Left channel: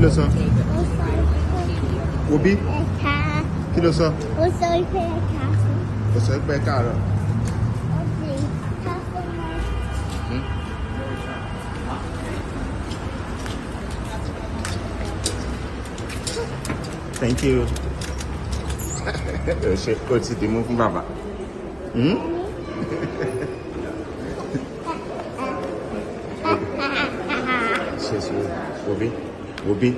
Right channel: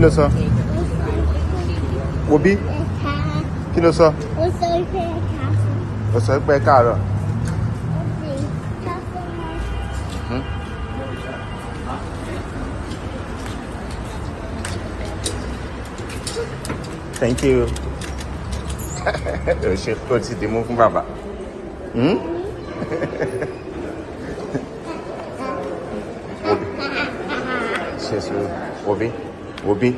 Kí ló sọ? Wo bí? Kí ló sọ? Ó sọ pé káàárọ̀. Thank you. Ó ti dì mú fún bàbá. Wo bí?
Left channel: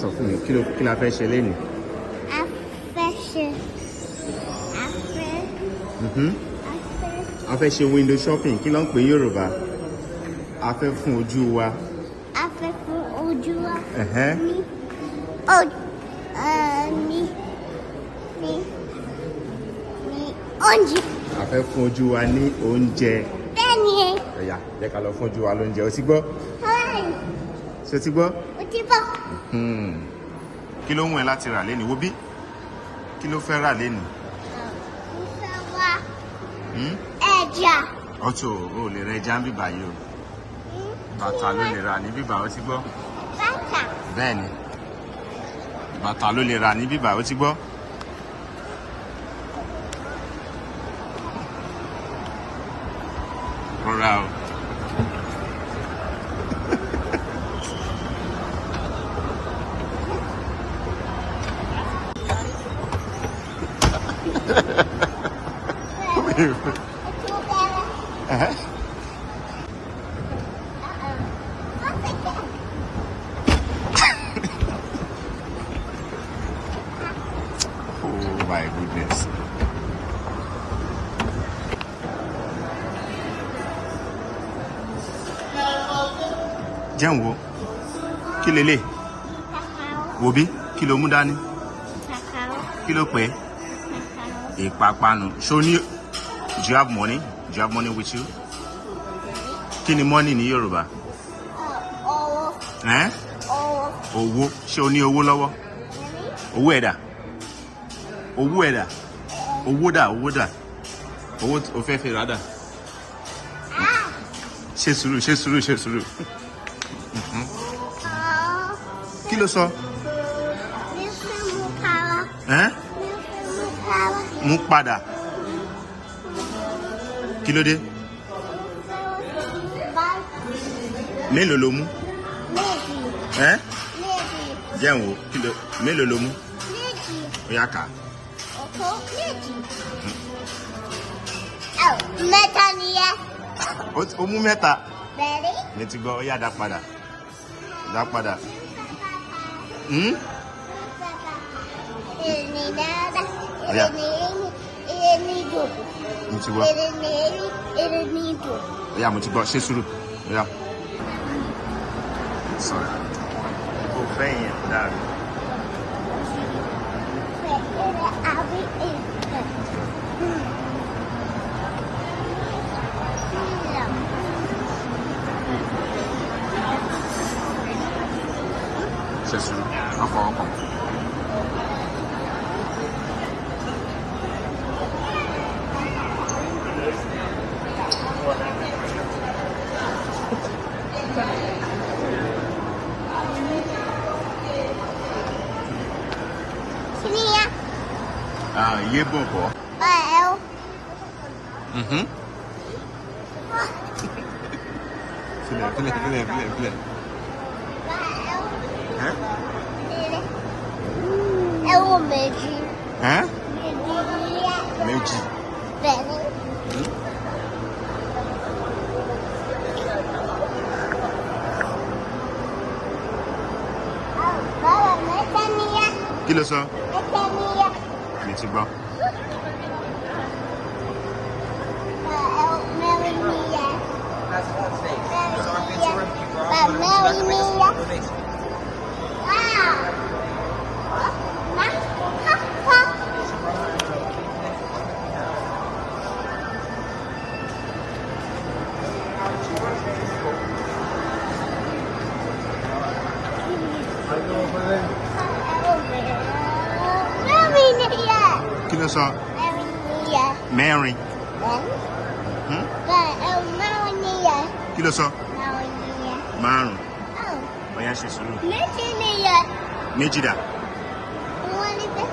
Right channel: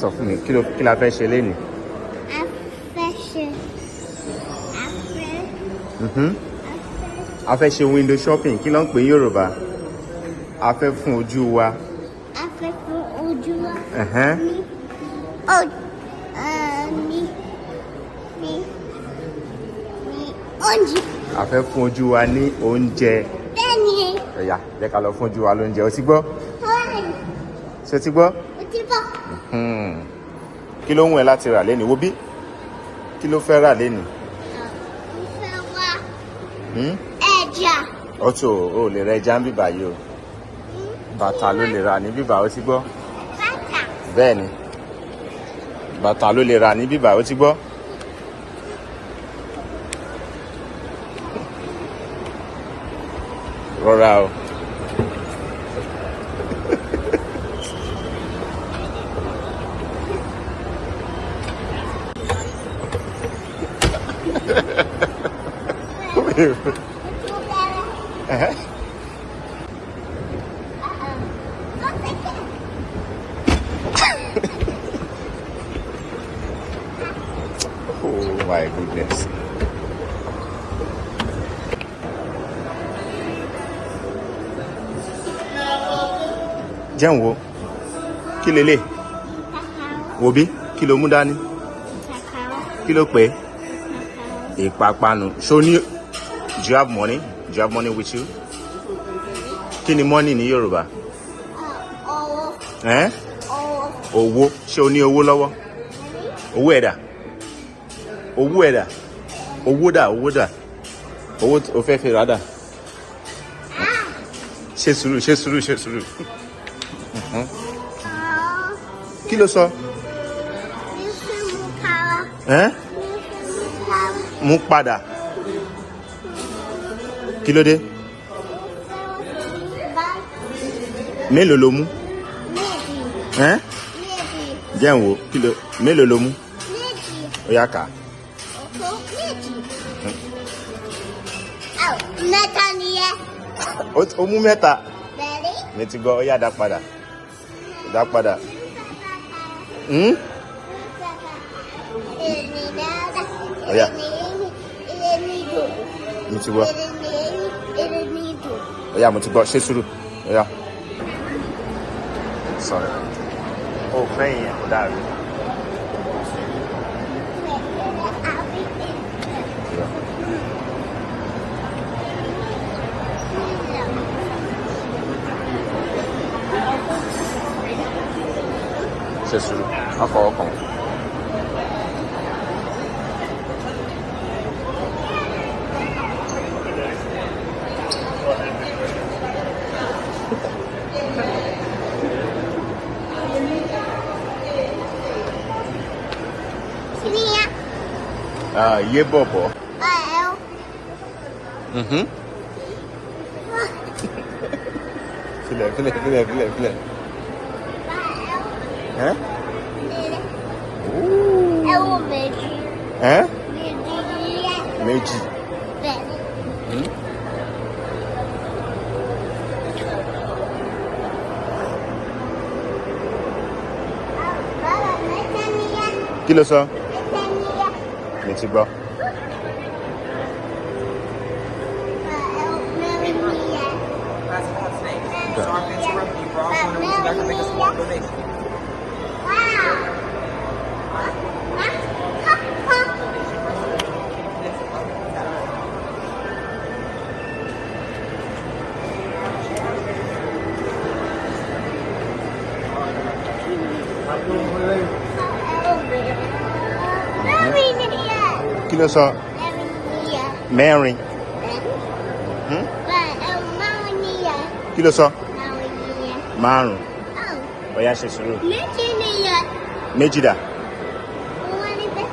Sọ fún mi, kí la fẹ́ ṣe lénìí? A fẹ́ ṣe window shopping, kí ló ń pè ní Yorùbá? A fẹ́ fún ojú wa. A fẹ́ fún ojú wa. Oúnjẹ. A fẹ́ fún ojú wa ní oúnjẹ. Bẹ́ẹ̀ni. Ẹ̀yà, jẹ́ ká lọ fún ojú wa lóúnjẹ. O ti gbọ́? Ṣé o ti gbọ́? O ti gbọ́. Kí ló ń wẹ̀ láti rà lénìí? Wo bí? Kí ló fẹ́ rà lénìí? Mo fẹ́ wá ẹja. Ọ̀tọ̀ o lè ra ẹja ń bíbà yìí o. Bàtà ló lè rà ní bíbà, o ti gbọ́? Bẹ́ẹ̀ni. Bàtà ló lè rà ní bíbà, o ti gbọ́? Rọra o. Oh my goodness. Jẹun wo? Kí lélẹ̀? Wo bí? Kí ló mú dání? Kí ló pè é? Ìpápánu. Ṣó ní? Do you have money? Do you have money with you? Kí ni money ní Yorùbá? Owó. Ṣé o ní owó lọ́wọ́? Owó ẹ̀dà. Owó ẹ̀dà. Owó dà. Owó o fẹ́ fi rà dà. Ṣe sùúrù. Kí ló sọ? Mú padà. Kí ló dé? Mélòó ló mú? Jẹun wo? Mélòó ló mú? Ó yá kà. Mẹ́ta nìyẹn. Ó mú mẹ́ta. Mi ti gbọ́, ó yá dá padà. Dá padà. Ó yá. Mi ti gbọ́. Ó yá, mo ti gbọ́. Ṣé sùúrù. Ó yá. Sorry. Oh, fine. Dad. Ṣé sùúrù. Á fọwọ́ kàn. Yé bọ̀bọ̀. Filẹ̀. Ẹ̀wọ̀n méjì. Méjì. Kí ló sọ? Mi ti gbọ́. Kí ló sọ? Mẹ́rin. Kí ló sọ? Márùn. Bóyá ṣe sùúrù. Méjì nìyẹn. Méjì dà. Wọ́n ní bẹ́ẹ̀.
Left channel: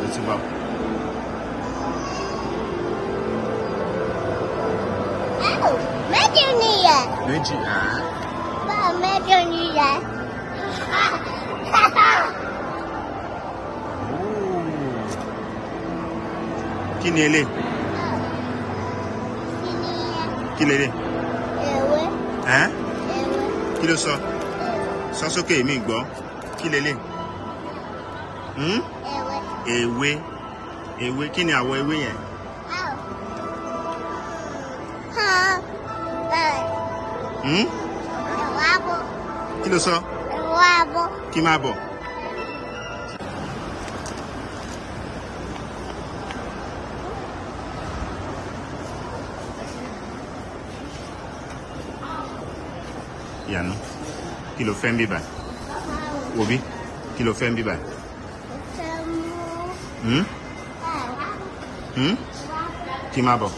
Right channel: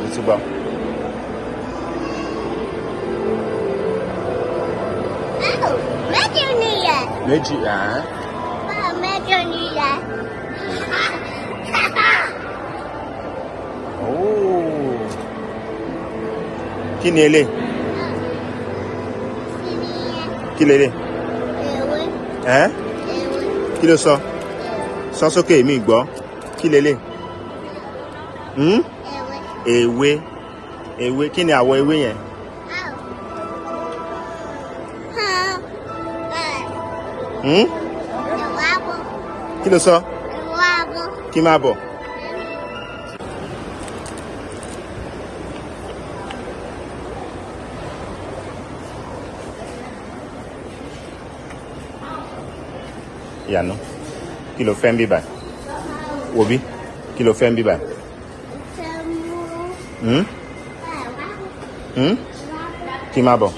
Mo ti gbọ́. Méjì nìyẹn. Méjì à. Báwo méjì nìyẹn? Oh. Kí ni elé? Kí lélẹ̀? Ewé. Ẹ́? Kí ló sọ? Sọ sókè mi gbọ́. Kí lélẹ̀? Ewé. Ewé. Ewé. Kí ni àwọ̀ ewé yẹn? Kí ló sọ? Kí máa bọ̀? Iyanu, kí ló fẹ́ ń bí báyìí? Wò bí? Kí ló fẹ́ ń bí báyìí? Kí máa bọ̀?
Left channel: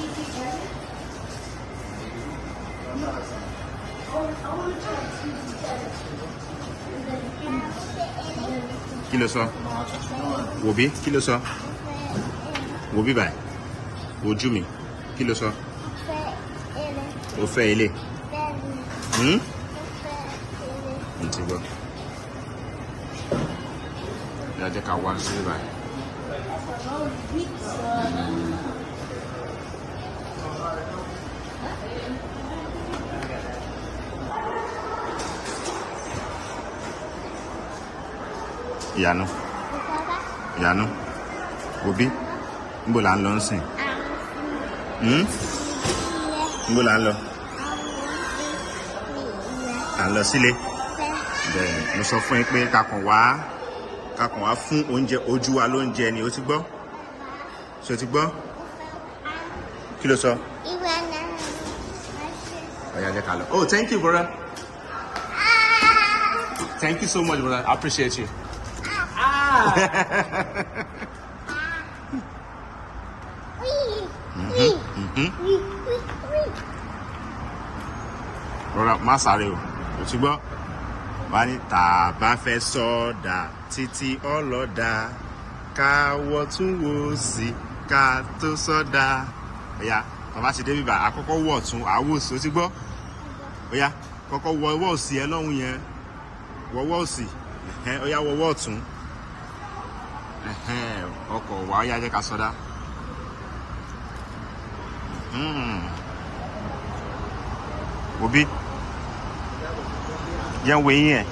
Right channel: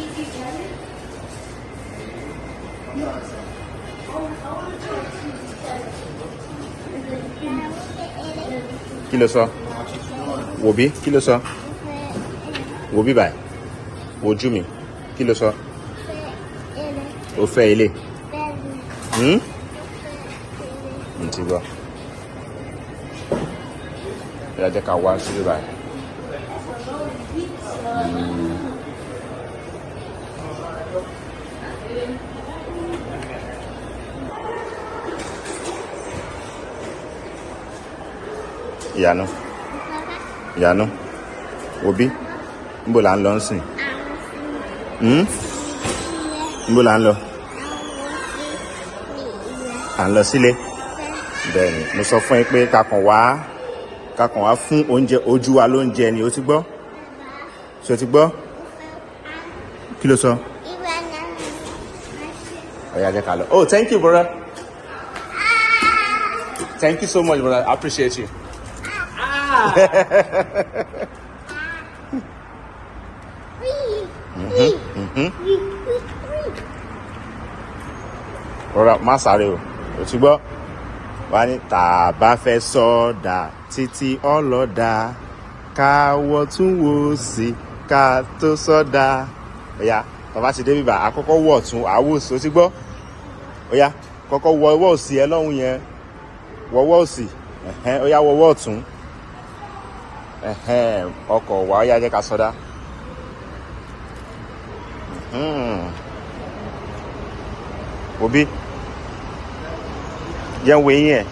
Kí ló sọ? Wò bí? Kí ló sọ? Wò bí báyìí? Wojú mi. Kí ló sọ? Ó fẹ́ ilé. Mo ti gbọ́. Ẹ jẹ́ ká wá síbí báyìí. Iyanu. Iyanu. Wò bí? Níbo là ń lọ nsìn? Níbo là ń lọ? À ń lọ sílé. Bẹ́ẹ̀ni, mo sọ fún yín pé kakàn wá fún oúnjẹ ojú wa lóúnjẹ ni o ti gbọ́? Ṣé o ti gbọ́? Kí ló sọ? Ẹ̀yà jẹ́ ká lọ. Oh, thank you, brother. Thank you so much, brother. I appreciate you. Rọra má sáré o ti gbọ́? Wá ní tá a bá fẹ́ sọ̀dà títí ọlọ́dà káwọ́ tún wò sí ká tó sọ̀dà. Ọ̀yá bàbá ti dé bíbà àkọ́kọ́ wọ̀ tún àwò sí o ti gbọ́? Ọ̀yá kọ́kọ́ wọ ọwọ́ òsì ẹ lọ́hùn yẹn wọ́wọ́ òsì ọ̀yá wọ́wọ́ ọ̀tún ọkọ̀ wà ọ̀yá jẹ́ ká sọdá. Òbí jẹ́ ń wo eyín ẹ̀.